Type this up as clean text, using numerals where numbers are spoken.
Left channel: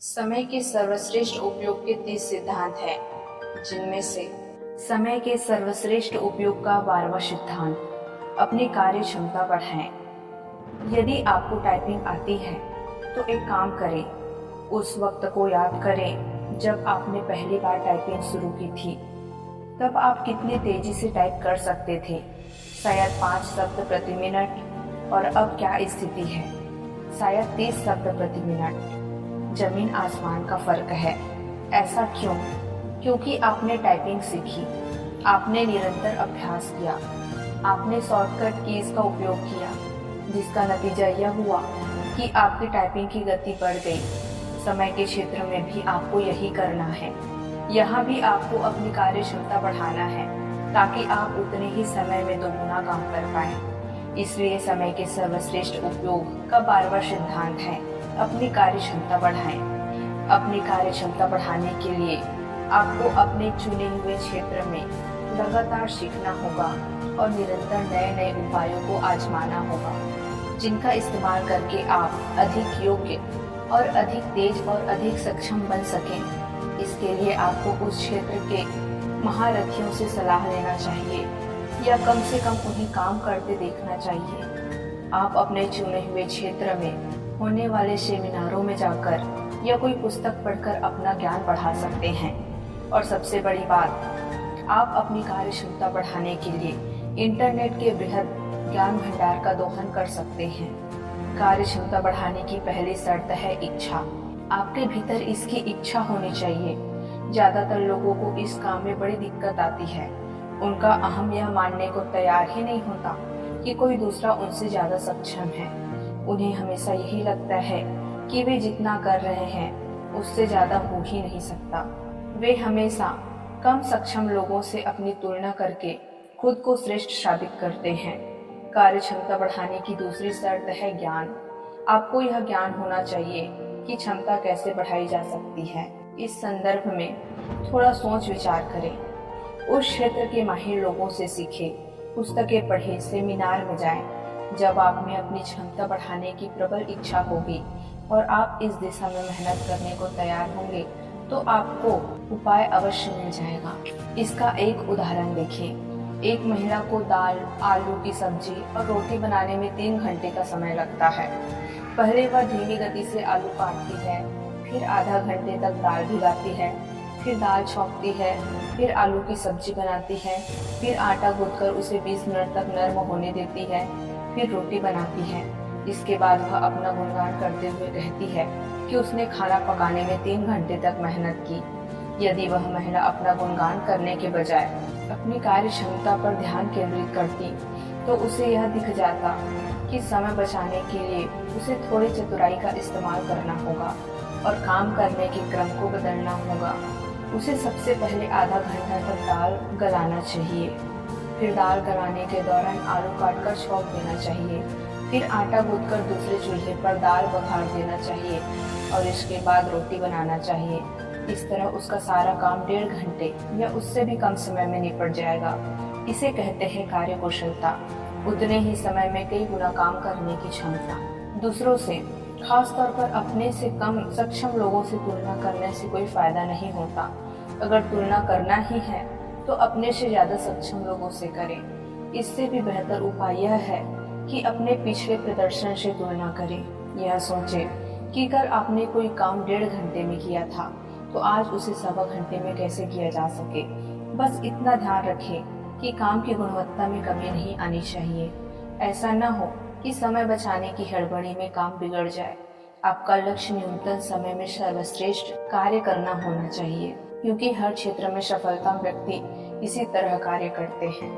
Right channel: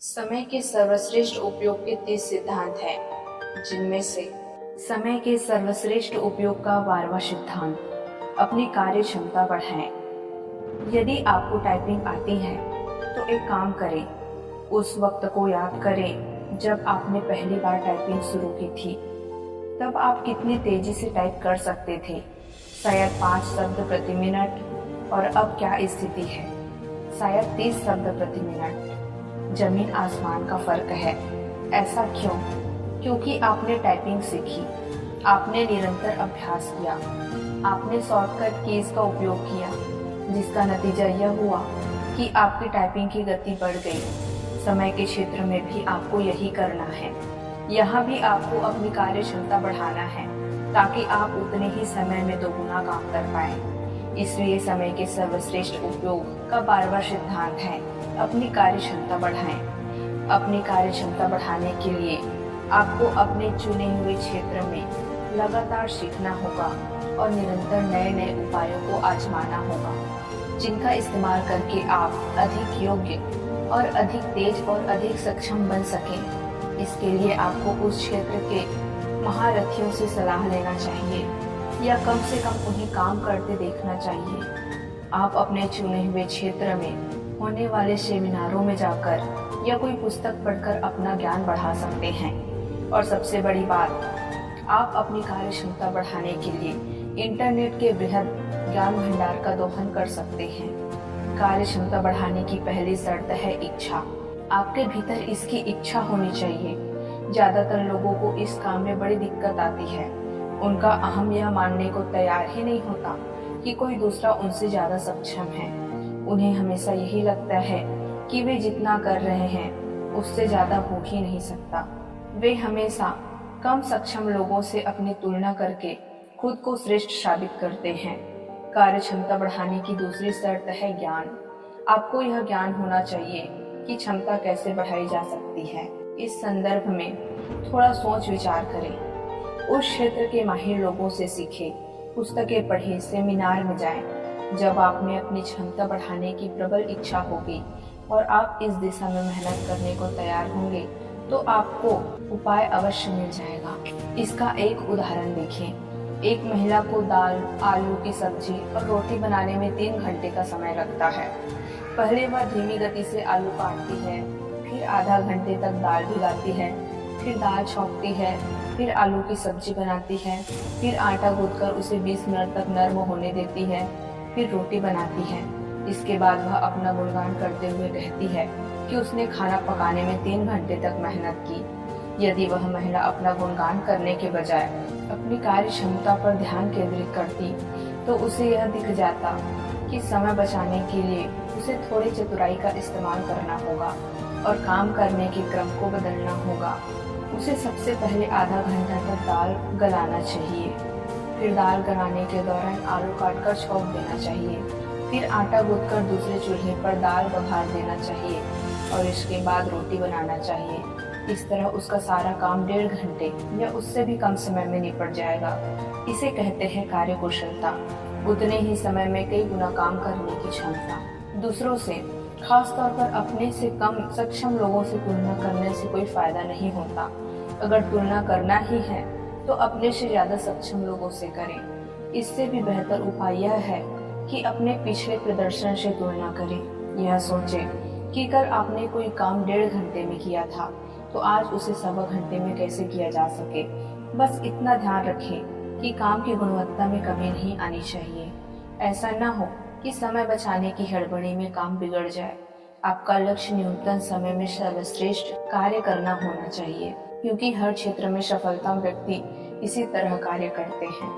समय के सर्वश्रेष्ठ उपयोग के 30 सिद्धांत हैं, जिनमें से समय के सर्वश्रेष्ठ उपयोग का 12वां सिद्धांत, अपनी कार्य क्षमता बढ़ाएं। यदि आपको टाइपिंग आती है तो एक काम करें, उस वक्त को याद करें जब आपने पहली बार टाइपिंग शुरू की थी। तब आप कितनी तेजी से टाइप कर सकते थे, शायद 5 शब्द प्रति मिनट, और अब क्या स्थिति है, शायद 30 शब्द प्रति मिनट। जमीन आसमान का फर्क है। ऐसा क्यों? क्योंकि आपने टाइपिंग सीखी, आपने निरंतर अभ्यास किया, आपने शॉर्टकट कीज का उपयोग किया, जिसका नतीजा यह हुआ कि आपकी टाइपिंग की गति बढ़ गई। समय के क्षेत्र में भी आपको यही करना है। यहाँ भी आपको अपनी कार्य क्षमता बढ़ाना है, ताकि आप उतने ही समय में दोगुना काम कर पाएं। इसलिए समय के सर्वश्रेष्ठ उपयोग का 12वां सिद्धांत है, अपनी कार्य क्षमता बढ़ाएं। अपनी कार्य क्षमता बढ़ाने के लिए आपको अपने चुने हुए क्षेत्र में लगातार सीखना होगा और निरंतर नए नए उपायों को आजमाना होगा, जिनका इस्तेमाल करके आप अधिक योग्य और अधिक तेज और अधिक सक्षम बन सकें। इसके लिए आपको उस क्षेत्र के महारथियों से सलाह लेना चाहिए, या कम से कम उन्हें काम करते देखना चाहिए। आप अपने चुने हुए क्षेत्र में होने वाले सेमिनारों में जाकर या कोई पुस्तक पढ़कर अपना ज्ञान बढ़ा सकते हैं। और सबसे बड़ी बात, आप अपनी कार्य क्षमता बढ़ाने के लिए इंटरनेट के बृहद ज्ञान भंडार का दोहन कर सकते हैं। कार्य क्षमता बढ़ाने की पहली शर्त है इच्छा। आपके भीतर इसकी इच्छा होनी चाहिए। ज़्यादातर लोगों को इस काम में बड़ी दिक्कत आती है। उनका अहम यह मानने को तैयार ही नहीं होता कि कोई दूसरा उनसे ज़्यादा सक्षम है। उन्हें हमेशा यही लगता है कि वे जितना कर रहे हैं उससे ज़्यादा हो ही नहीं सकता। वे हमेशा कम सक्षम लोगों से अपनी तुलना करके खुद को श्रेष्ठ साबित करते हैं। कार्य क्षमता बढ़ाने की दूसरी शर्त है ज्ञान। आपको यह ज्ञान होना चाहिए कि क्षमता कैसे बढ़ाई जा सकती है। इस संदर्भ में थोड़ा सोच विचार करें। उस क्षेत्र के माहिर लोगों से सीखें, पुस्तकें पढ़ें, सेमिनार में जाएं। जब आप में अपनी क्षमता बढ़ाने की प्रबल इच्छा होगी और आप इस दिशा में मेहनत करने को तैयार होंगे, तो आपको उपाय अवश्य मिल जाएगा। इसका एक उदाहरण देखें। एक महिला को दाल, आलू की सब्जी और रोटी बनाने में 3 घंटे का समय लगता है। पहले वह धीमी गति से आलू काटती है, फिर आधा घंटे तक दाल भिगाती है, फिर दाल छौंकती है, फिर आलू की सब्जी बनाती है, फिर आटा गूंथकर उसे 20 मिनट तक नर्म होने देती है, फिर रोटी बनाती है। इसके बाद वह अपना गुणगान करते हुए कहती है कि उसने खाना पकाने में 3 घंटे तक मेहनत की। यदि वह महिला अपना गुणगान करने के बजाय अपनी कार्य क्षमता पर ध्यान केंद्रित करती, तो उसे यह दिख जाता कि समय बचाने के लिए उसे थोड़ी चतुराई का इस्तेमाल करना होगा और काम करने के क्रम को बदलना होगा। उसे सबसे पहले आधा घंटा तक दाल गलाना चाहिए, फिर दाल गलाने के दौरान आलू काटकर छौंक देना चाहिए, फिर आटा गूंथकर दूसरे चूल्हे पर दाल बघार देना चाहिए और इसके बाद रोटी बनाना चाहिए। इस तरह उसका सारा काम 1.5 घंटे या उससे भी कम समय में निपट जाएगा। इसे कहते हैं कार्य कुशलता। उतने ही समय में कई गुना काम करने की क्षमता। दूसरों से, खास तौर पर अपने से कम सक्षम लोगों से तुलना करने से कोई फायदा नहीं होता। अगर तुलना करना ही है तो अपने से ज़्यादा सक्षम लोगों से करें। इससे भी बेहतर उपाय यह है कि अपने पिछले प्रदर्शन से तुलना करें। यह सोचें कि कल आपने कोई काम 1.5 घंटे में किया था, तो आज उसे 1.25 घंटे में कैसे किया जा सके। बस इतना ध्यान रखें कि काम की गुणवत्ता में कमी नहीं आनी चाहिए। ऐसा न हो कि समय बचाने की हड़बड़ी में काम बिगड़ जाए। आपका लक्ष्य न्यूनतम समय में सर्वश्रेष्ठ कार्य करना होना चाहिए, क्योंकि हर क्षेत्र में सफलता व्यक्ति इसी तरह कार्य करते हैं।